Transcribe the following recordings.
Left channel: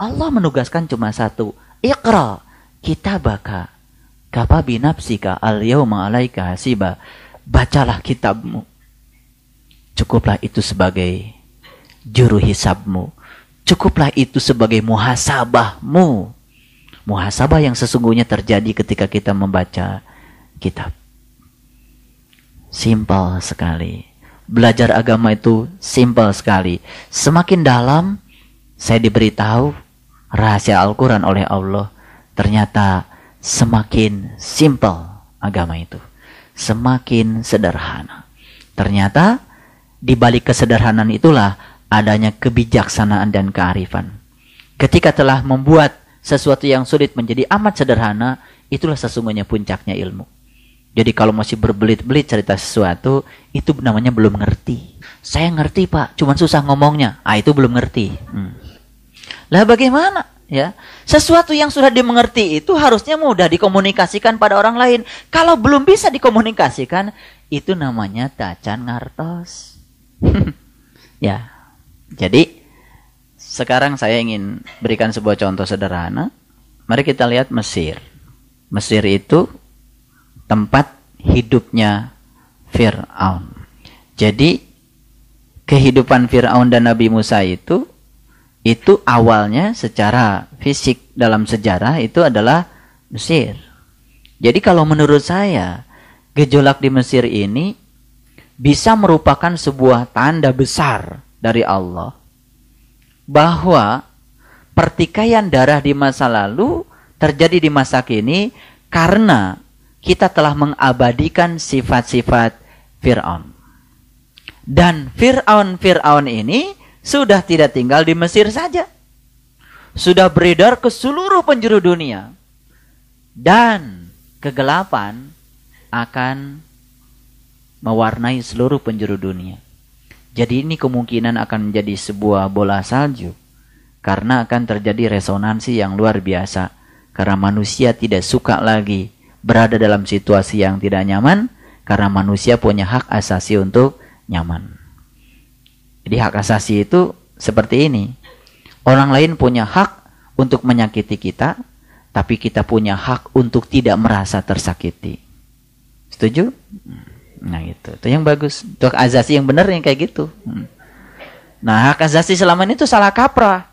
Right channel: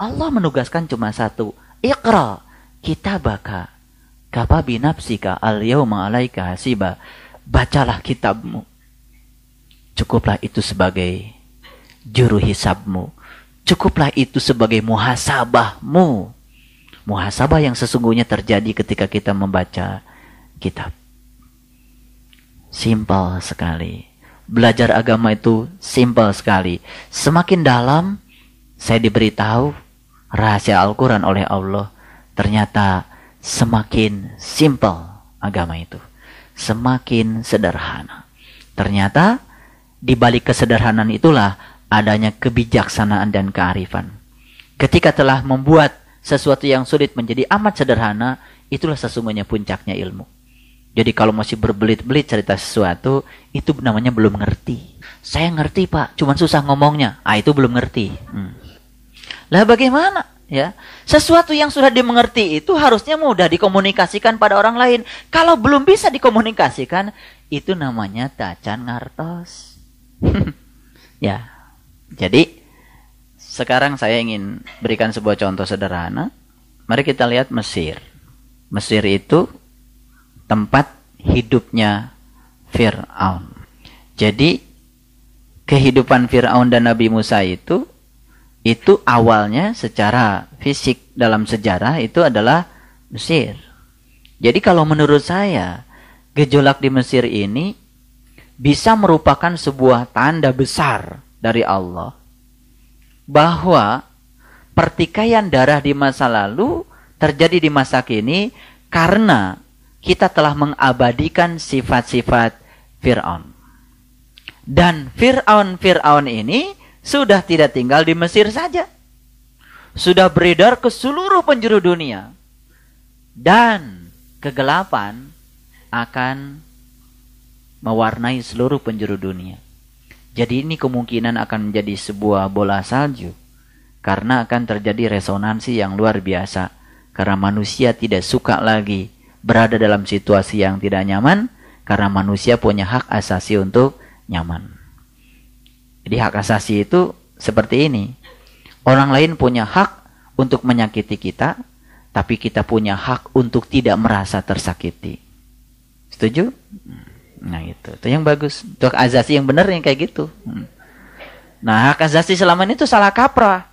Allah menugaskan cuma satu. Iqra kitabaka kafa binafsika al-yawma 'alaika hasiba. Bacalah kitabmu. Cukuplah itu sebagai juru hisabmu. Cukuplah itu sebagai muhasabahmu. Muhasabah yang sesungguhnya terjadi ketika kita membaca kitab. Simpel sekali. Belajar agama itu simpel sekali. Semakin dalam saya diberitahu rahasia Al-Quran oleh Allah. Ternyata semakin simpel agama itu. Semakin sederhana. Ternyata di balik kesederhanaan itulah adanya kebijaksanaan dan kearifan. Ketika telah membuat sesuatu yang sulit menjadi amat sederhana, itulah sesungguhnya puncaknya ilmu. Jadi kalau masih berbelit-belit cerita sesuatu, itu namanya belum ngerti. Saya ngerti Pak, cuman susah ngomongnya. Itu belum ngerti. Lah bagaimana? Ya, sesuatu yang sudah dimengerti itu harusnya mudah dikomunikasikan pada orang lain. Kalau belum bisa dikomunikasikan, itu namanya tacan ngartos. Ya, jadi sekarang saya ingin berikan sebuah contoh sederhana. Mari kita lihat Mesir. Mesir itu tempat hidupnya Fir'aun. Jadi kehidupan Fir'aun dan Nabi Musa itu awalnya secara fisik dalam sejarah itu adalah Mesir. Jadi kalau menurut saya gejolak di Mesir ini bisa merupakan sebuah tanda besar dari Allah bahwa pertikaian darah di masa lalu terjadi di masa kini karena kita telah mengabadikan sifat-sifat Fir'aun. Dan Fir'aun ini sudah tidak tinggal di Mesir saja. Sudah beredar ke seluruh penjuru dunia. Dan kegelapan akan mewarnai seluruh penjuru dunia. Jadi ini kemungkinan akan menjadi sebuah bola salju. Karena akan terjadi resonansi yang luar biasa. Karena manusia tidak suka lagi berada dalam situasi yang tidak nyaman. Karena manusia punya hak asasi untuk nyaman. Jadi hak asasi itu seperti ini. Orang lain punya hak untuk menyakiti kita. Tapi kita punya hak untuk tidak merasa tersakiti. Setuju? Nah itu yang bagus. Itu hak asasi yang benar yang kayak gitu. Nah hak asasi selama ini tuh salah kaprah.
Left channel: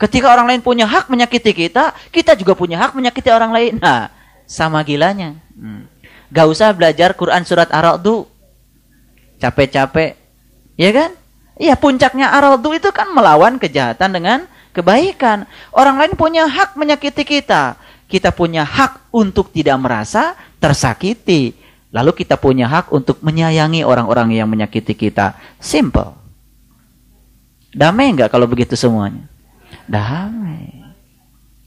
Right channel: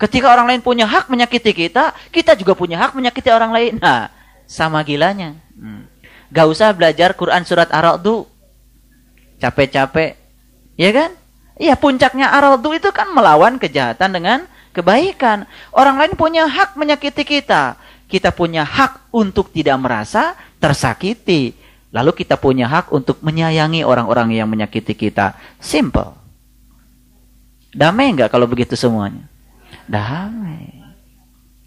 Ketika orang lain punya hak menyakiti kita, kita juga punya hak menyakiti orang lain. Nah, sama gilanya. Gak usah belajar Quran surat Ar-Ra'd. Capek-capek. Ya kan? Iya, puncaknya Ar-Ra'd itu kan melawan kejahatan dengan kebaikan. Orang lain punya hak menyakiti kita. Kita punya hak untuk tidak merasa tersakiti. Lalu kita punya hak untuk menyayangi orang-orang yang menyakiti kita. Simple. Damai nggak kalau begitu semuanya? Damai.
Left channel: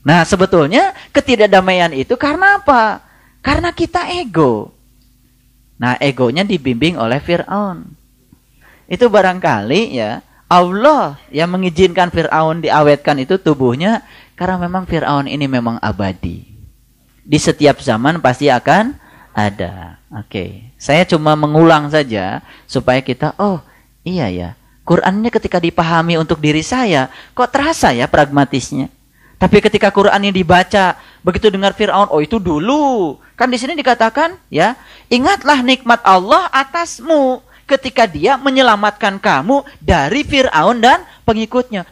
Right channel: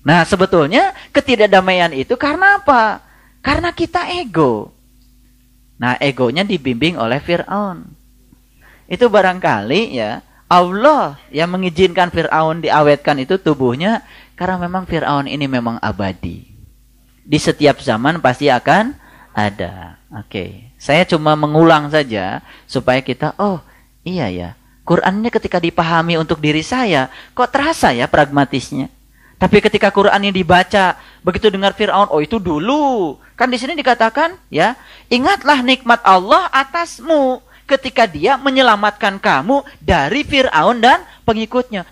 Nah sebetulnya ketidakdamaian itu karena apa? Karena kita ego. Nah egonya dibimbing oleh Fir'aun. Itu barangkali ya Allah yang mengizinkan Fir'aun diawetkan itu tubuhnya. Karena memang Fir'aun ini memang abadi. Di setiap zaman pasti akan ada. Oke. Saya cuma mengulang saja supaya kita, oh iya ya. Quran ini ketika dipahami untuk diri saya, kok terasa ya pragmatisnya. Tapi ketika Quran ini dibaca, begitu dengar Fir'aun, oh itu dulu. Kan di sini dikatakan, ya, ingatlah nikmat Allah atasmu ketika dia menyelamatkan kamu dari Fir'aun dan pengikutnya.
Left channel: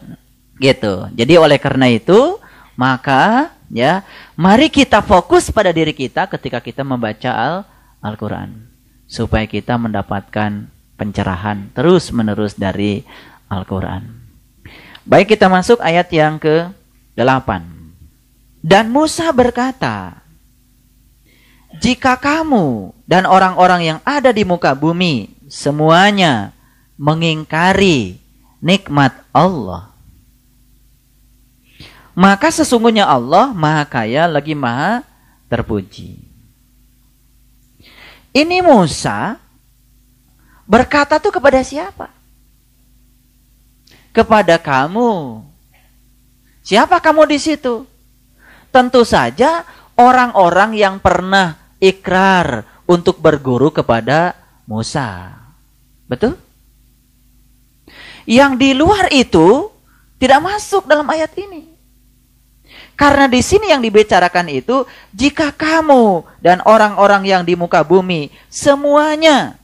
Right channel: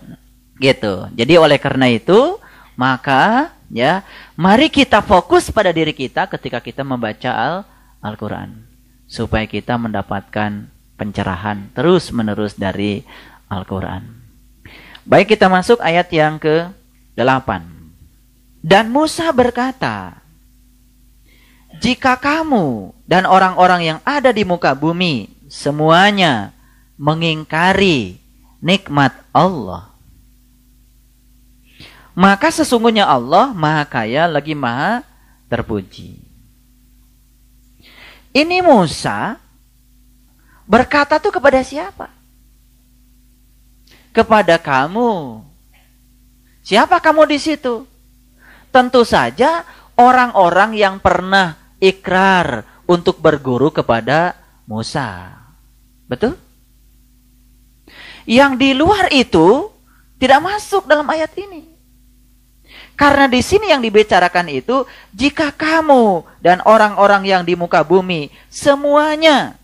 Gitu. Jadi oleh karena itu, maka ya, mari kita fokus pada diri kita ketika kita membaca Al-Quran. Supaya kita mendapatkan pencerahan terus-menerus dari Al-Quran. Baik, kita masuk ayat yang ke-8. Dan Musa berkata, jika kamu dan orang-orang yang ada di muka bumi semuanya mengingkari nikmat Allah, maka sesungguhnya Allah Maha Kaya lagi Maha Terpuji. Ini Musa berkata tuh kepada siapa? Kepada kamu. Siapa kamu di situ? Tentu saja orang-orang yang pernah ikrar untuk berguru kepada Musa. Betul? Yang di luar itu tidak masuk dalam ayat ini. Karena di sini yang dibicarakan itu, jika kamu dan orang-orang yang di muka bumi semuanya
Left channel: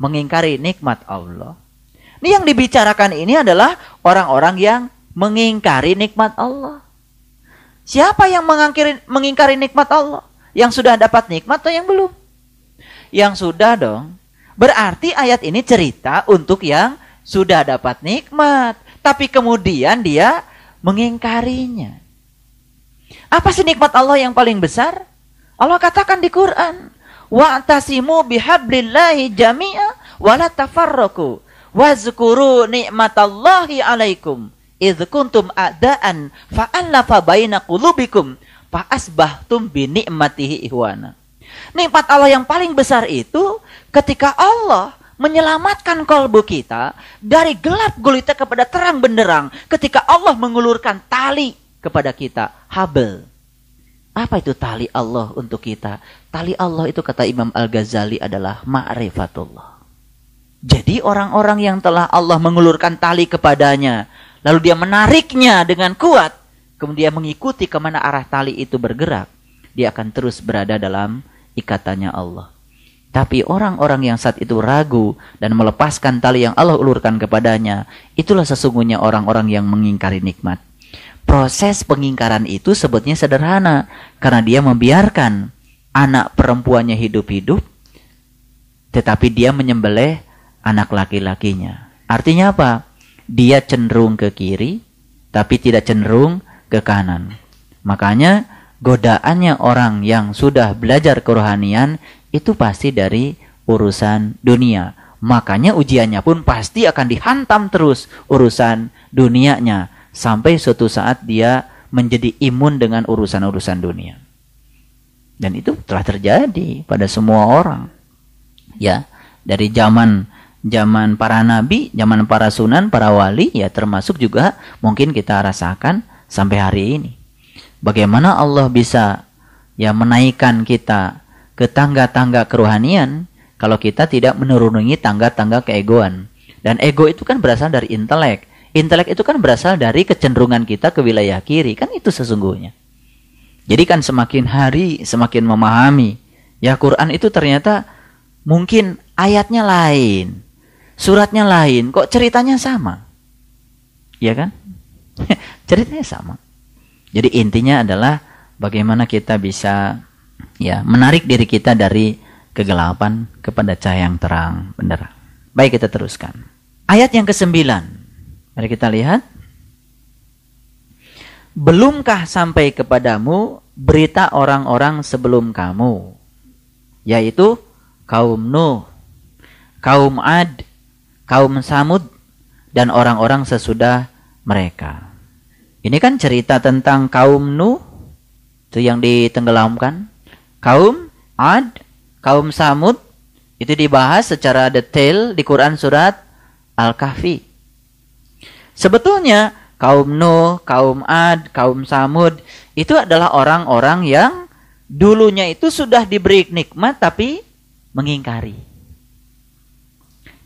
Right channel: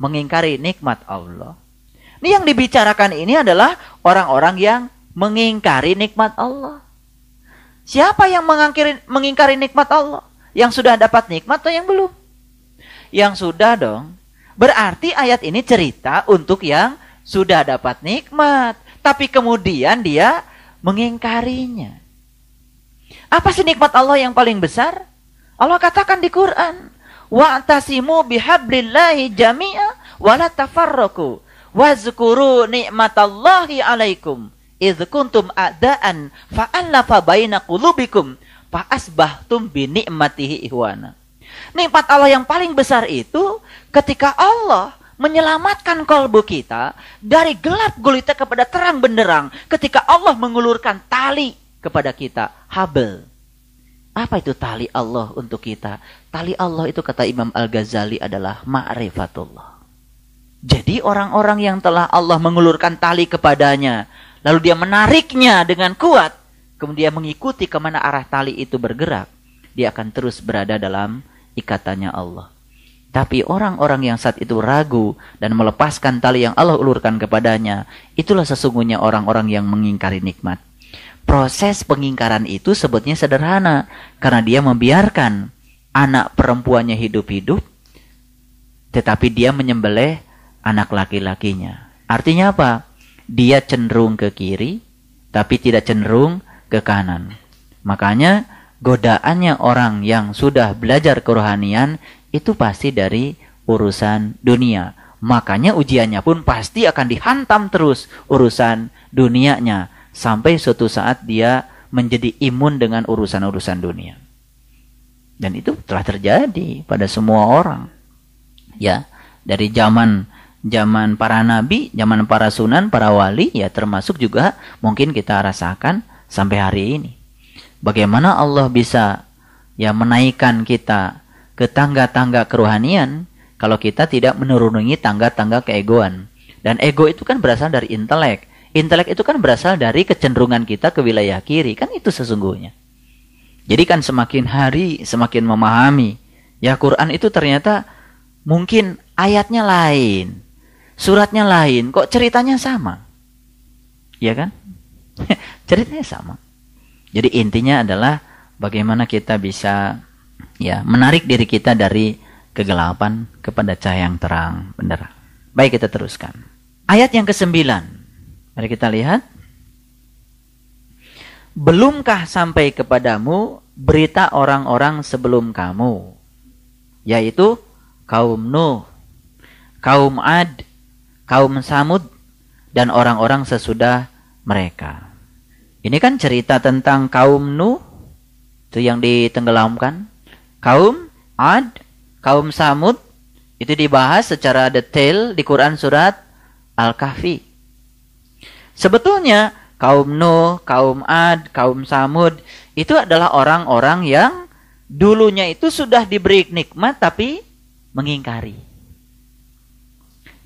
mengingkari nikmat Allah. Ini yang dibicarakan ini adalah orang-orang yang mengingkari nikmat Allah. Siapa yang mengingkari nikmat Allah? Yang sudah dapat nikmat atau yang belum? Yang sudah dong. Berarti ayat ini cerita untuk yang sudah dapat nikmat, tapi kemudian dia mengingkarinya. Apa sih nikmat Allah yang paling besar? Allah katakan di Quran, wa'tasimu bihablillahi jami'a wa la tafarraqu wazkuru ni'matallahi 'alaikum idz kuntum a'daan fa'alafa baina qulubikum fa asbahtum bi ni'matihi ihwana. Nikmat Allah yang paling besar itu ketika Allah menyelamatkan kalbu kita dari gelap gulita kepada terang benderang, ketika Allah mengulurkan tali kepada kita, habl. Apa itu tali Allah untuk kita? Tali Allah itu kata Imam Al-Ghazali adalah ma'rifatullah. Jadi orang-orang yang telah Allah mengulurkan tali kepadanya, lalu dia menariknya dengan kuat, kemudian mengikuti kemana arah tali itu bergerak, dia akan terus berada dalam ikatannya Allah. Tapi orang-orang yang saat itu ragu dan melepaskan tali yang Allah ulurkan kepadanya, itulah sesungguhnya orang-orang yang mengingkari nikmat. Proses pengingkaran itu sebetulnya sederhana, karena dia membiarkan anak perempuannya hidup-hidup, tetapi dia menyembelih anak laki-lakinya. Artinya apa? Dia cenderung ke kiri, tapi tidak cenderung ke kanan. Makanya godaannya orang yang sudah belajar kerohanian itu pasti dari urusan dunia. Makanya ujiannya pun pasti akan dihantam terus urusan dunianya, sampai suatu saat dia menjadi imun dengan urusan-urusan dunia. Dan itu telah terjadi pada semua orang. Ya, dari zaman para nabi, zaman para sunan, para wali, ya termasuk juga mungkin kita rasakan sampai hari ini. Bagaimana Allah bisa ya menaikkan kita ke tangga-tangga kerohanian kalau kita tidak menuruni tangga-tangga keegoan. Dan ego itu kan berasal dari intelek. Intelek itu kan berasal dari kecenderungan kita ke wilayah kiri. Kan itu sesungguhnya. Jadi kan semakin hari semakin memahami. Ya Quran itu ternyata mungkin ayatnya lain. Suratnya lain. Kok ceritanya sama? Ya kan? Ceritanya sama. Jadi intinya adalah bagaimana kita bisa ya menarik diri kita dari kegelapan kepada cahaya yang terang benderang. Baik, kita teruskan. Ayat yang ke-9. Mari kita lihat. Belumkah sampai kepadamu berita orang-orang sebelum kamu, yaitu kaum Nuh, kaum Ad, kaum Samud, dan orang-orang sesudah mereka. Ini kan cerita tentang kaum Nuh, itu yang ditenggelamkan. Kaum Ad, kaum Samud, itu dibahas secara detail di Quran surat Al-Kahfi. Sebetulnya kaum Nuh, kaum Ad, kaum Samud itu adalah orang-orang yang dulunya itu sudah diberi nikmat tapi mengingkari.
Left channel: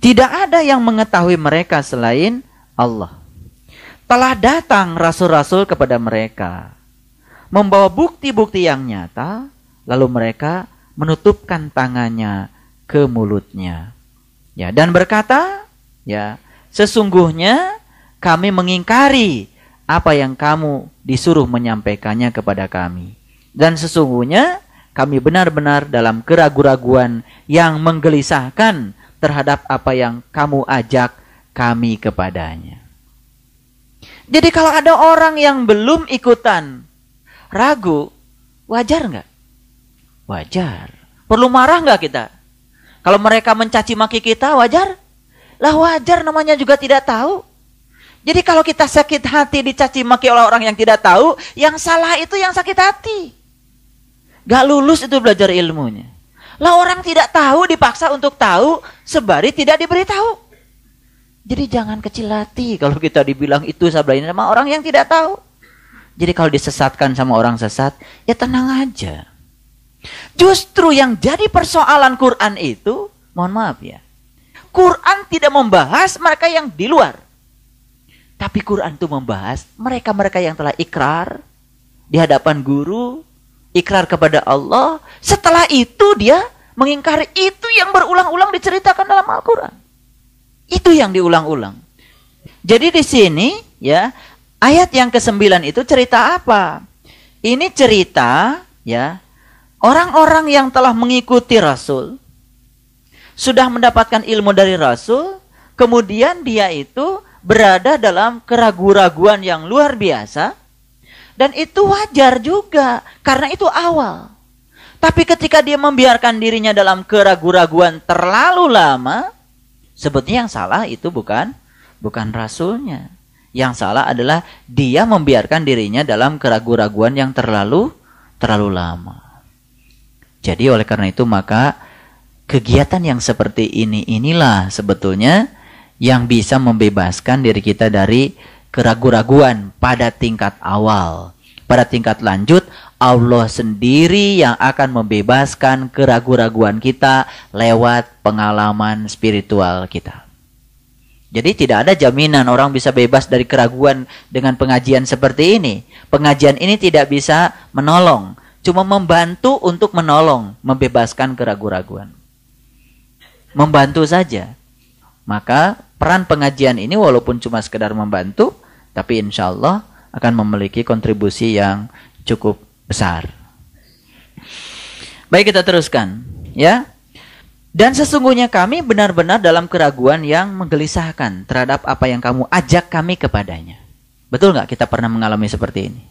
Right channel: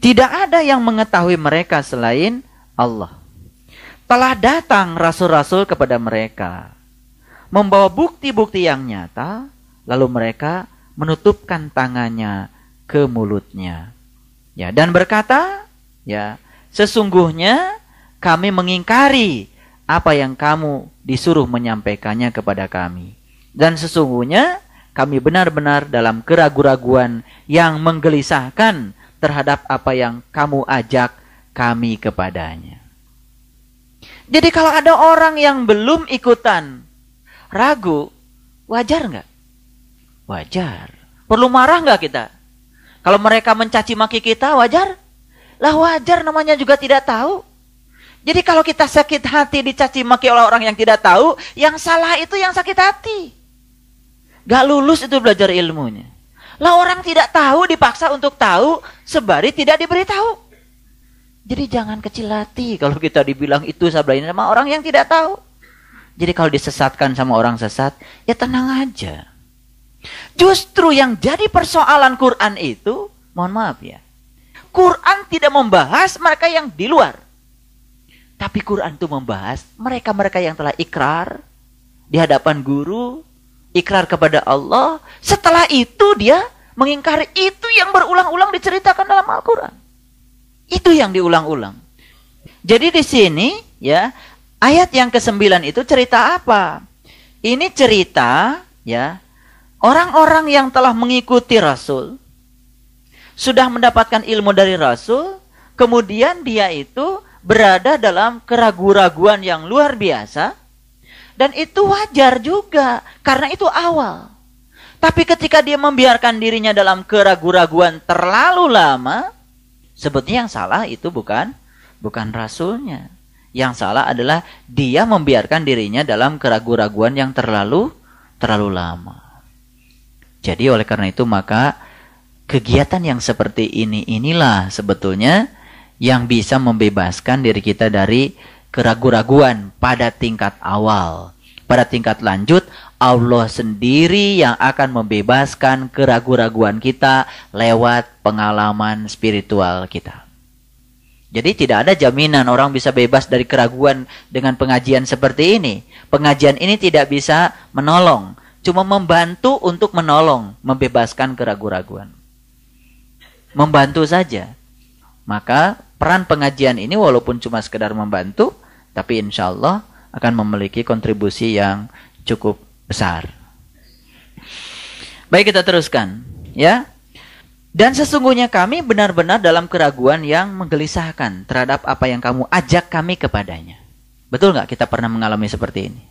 Tidak ada yang mengetahui mereka selain Allah. Telah datang rasul-rasul kepada mereka, membawa bukti-bukti yang nyata, lalu mereka menutupkan tangannya ke mulutnya. Ya, dan berkata, ya, sesungguhnya kami mengingkari apa yang kamu disuruh menyampaikannya kepada kami. Dan sesungguhnya kami benar-benar dalam keraguan-raguan yang menggelisahkan terhadap apa yang kamu ajak kami kepadanya. Jadi kalau ada orang yang belum ikutan ragu, wajar nggak? Wajar. Perlu marah nggak kita? Kalau mereka mencaci maki kita, wajar? Lah wajar, namanya juga tidak tahu. Jadi kalau kita sakit hati dicaci maki oleh orang yang tidak tahu, yang salah itu yang sakit hati. Gak lulus itu belajar ilmunya. Lah orang tidak tahu dipaksa untuk tahu, sebari tidak diberitahu. Jadi jangan kecil hati kalau kita dibilang itu sebelah sama orang yang tidak tahu. Jadi kalau disesatkan sama orang sesat, ya tenang aja. Justru yang jadi persoalan Quran itu, mohon maaf ya, Quran tidak membahas mereka yang di luar. Tapi Quran itu membahas mereka-mereka yang telah ikrar, di hadapan guru, ikrar kepada Allah. Setelah itu dia mengingkari itu yang berulang-ulang diceritakan dalam Al-Quran. Itu yang diulang-ulang. Jadi di sini ya, ayat yang ke-9 itu cerita apa? Ini cerita ya, orang-orang yang telah mengikuti Rasul, sudah mendapatkan ilmu dari Rasul, kemudian dia itu berada dalam keraguan-raguan yang luar biasa. Dan itu wajar juga, karena itu awal. Tapi ketika dia membiarkan dirinya dalam keraguan-raguan terlalu lama, sebetulnya yang salah itu bukan Rasulnya. Yang salah adalah dia membiarkan dirinya dalam keraguan-raguan yang terlalu lama. Jadi oleh karena itu maka kegiatan yang seperti inilah sebetulnya yang bisa membebaskan diri kita dari keraguan-raguan pada tingkat awal. Pada tingkat lanjut, Allah sendiri yang akan membebaskan keraguan-raguan kita lewat pengalaman spiritual kita. Jadi tidak ada jaminan orang bisa bebas dari keraguan dengan pengajian seperti ini. Pengajian ini tidak bisa menolong, cuma membantu untuk menolong, membebaskan keraguan-raguan. Membantu saja. Maka peran pengajian ini walaupun cuma sekedar membantu, tapi insya Allah akan memiliki kontribusi yang cukup besar. Baik, kita teruskan ya. Dan sesungguhnya kami benar-benar dalam keraguan yang menggelisahkan terhadap apa yang kamu ajak kami kepadanya. Betul nggak kita pernah mengalami seperti ini?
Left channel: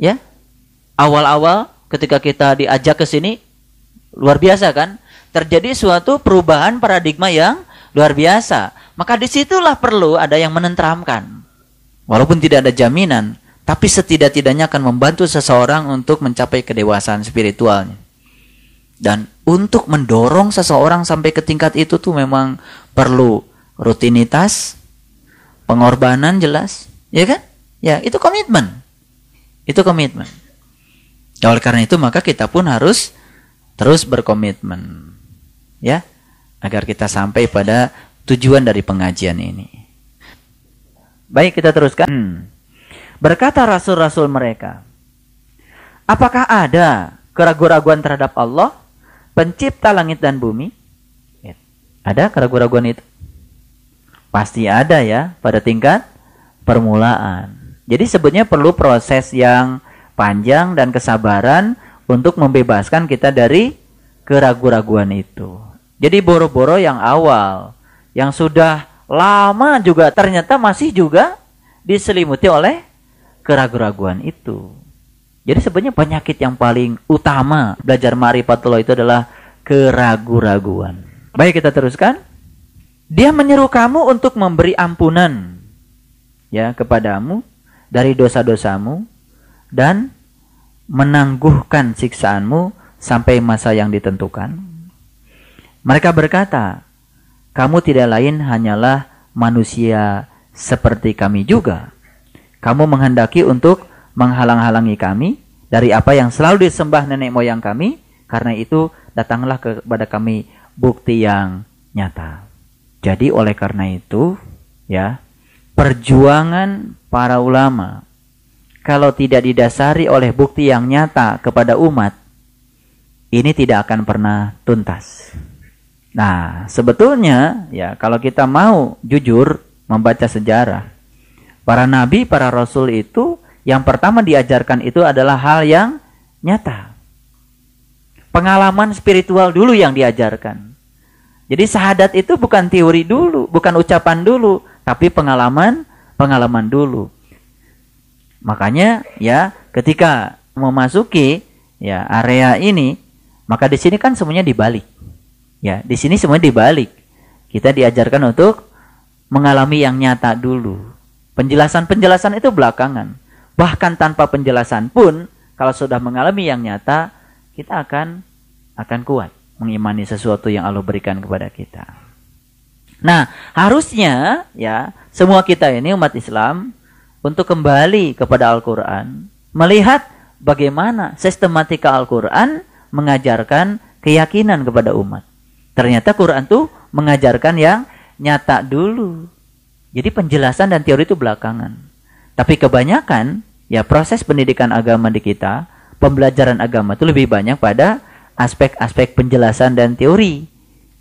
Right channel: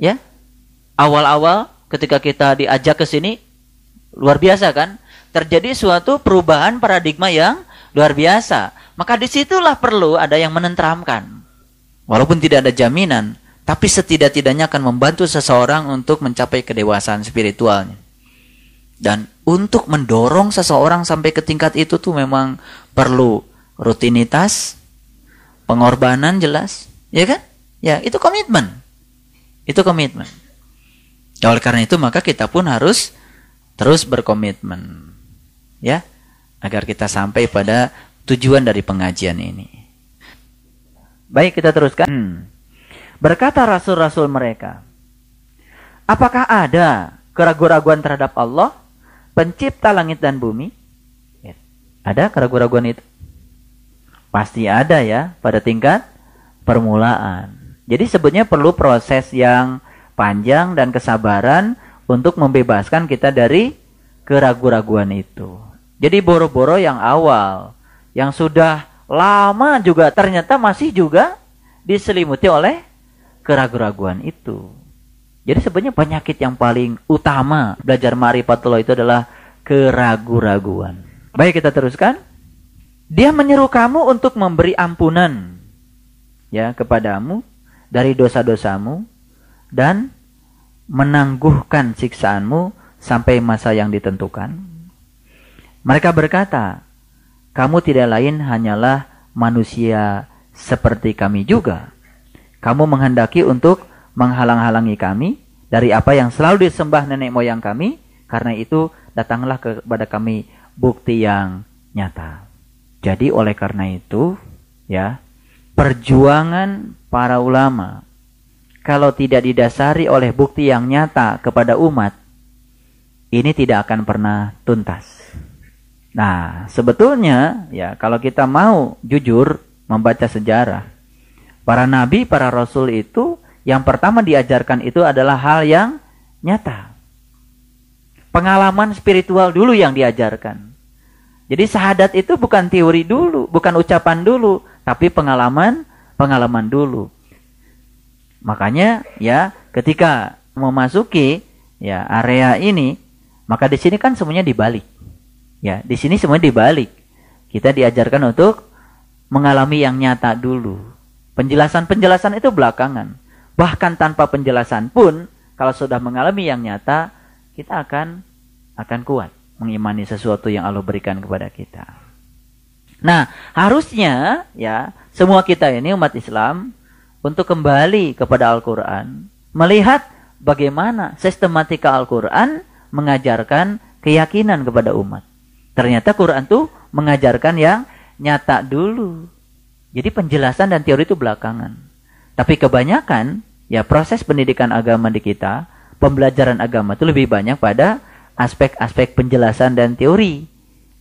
Ya, awal-awal ketika kita diajak ke sini luar biasa kan? Terjadi suatu perubahan paradigma yang luar biasa. Maka disitulah perlu ada yang menenteramkan. Walaupun tidak ada jaminan, tapi setidak-tidaknya akan membantu seseorang untuk mencapai kedewasaan spiritualnya. Dan untuk mendorong seseorang sampai ke tingkat itu tuh memang perlu rutinitas, pengorbanan jelas, ya kan? Ya, itu komitmen. Itu komitmen. Ya, oleh karena itu maka kita pun harus terus berkomitmen. Ya, agar kita sampai pada tujuan dari pengajian ini. Baik, kita teruskan. Berkata rasul-rasul mereka, apakah ada keraguan-raguan terhadap Allah, pencipta langit dan bumi? Ya. Ada keraguan-raguan itu? Pasti ada ya, pada tingkat permulaan. Jadi sebenarnya perlu proses yang panjang dan kesabaran untuk membebaskan kita dari keraguan-raguan itu. Jadi boro-boro yang awal, yang sudah lama juga ternyata masih juga diselimuti oleh keraguan-raguan itu. Jadi sebenarnya penyakit yang paling utama belajar ma'rifatullah itu adalah keraguan-raguan. Baik, kita teruskan. Dia menyeru kamu untuk memberi ampunan ya kepadamu dari dosa-dosamu dan menangguhkan siksaanmu sampai masa yang ditentukan. Mereka berkata, kamu tidak lain hanyalah manusia seperti kami juga. Kamu menghendaki untuk menghalang-halangi kami dari apa yang selalu disembah nenek moyang kami. Karena itu datanglah kepada kami bukti yang nyata. Jadi oleh karena itu ya, perjuangan para ulama kalau tidak didasari oleh bukti yang nyata kepada umat, ini tidak akan pernah tuntas. Nah, sebetulnya ya kalau kita mau jujur membaca sejarah, para nabi, para rasul itu yang pertama diajarkan itu adalah hal yang nyata. Pengalaman spiritual dulu yang diajarkan. Jadi syahadat itu bukan teori dulu, bukan ucapan dulu, tapi pengalaman dulu. Makanya ya ketika memasuki ya area ini, maka di sini kan semuanya dibalik. Ya, di sini semuanya dibalik. Kita diajarkan untuk mengalami yang nyata dulu. Penjelasan-penjelasan itu belakangan. Bahkan tanpa penjelasan pun, kalau sudah mengalami yang nyata, kita akan kuat mengimani sesuatu yang Allah berikan kepada kita. Nah, harusnya ya semua kita ini umat Islam untuk kembali kepada Al-Quran, melihat bagaimana sistematika Al-Quran mengajarkan keyakinan kepada umat. Ternyata Quran tuh mengajarkan yang nyata dulu. Jadi penjelasan dan teori itu belakangan. Tapi kebanyakan Ya, proses pendidikan agama di kita, pembelajaran agama itu lebih banyak pada aspek-aspek penjelasan dan teori.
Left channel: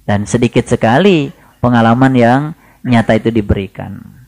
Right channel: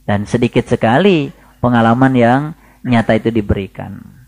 Dan sedikit sekali pengalaman yang nyata itu diberikan.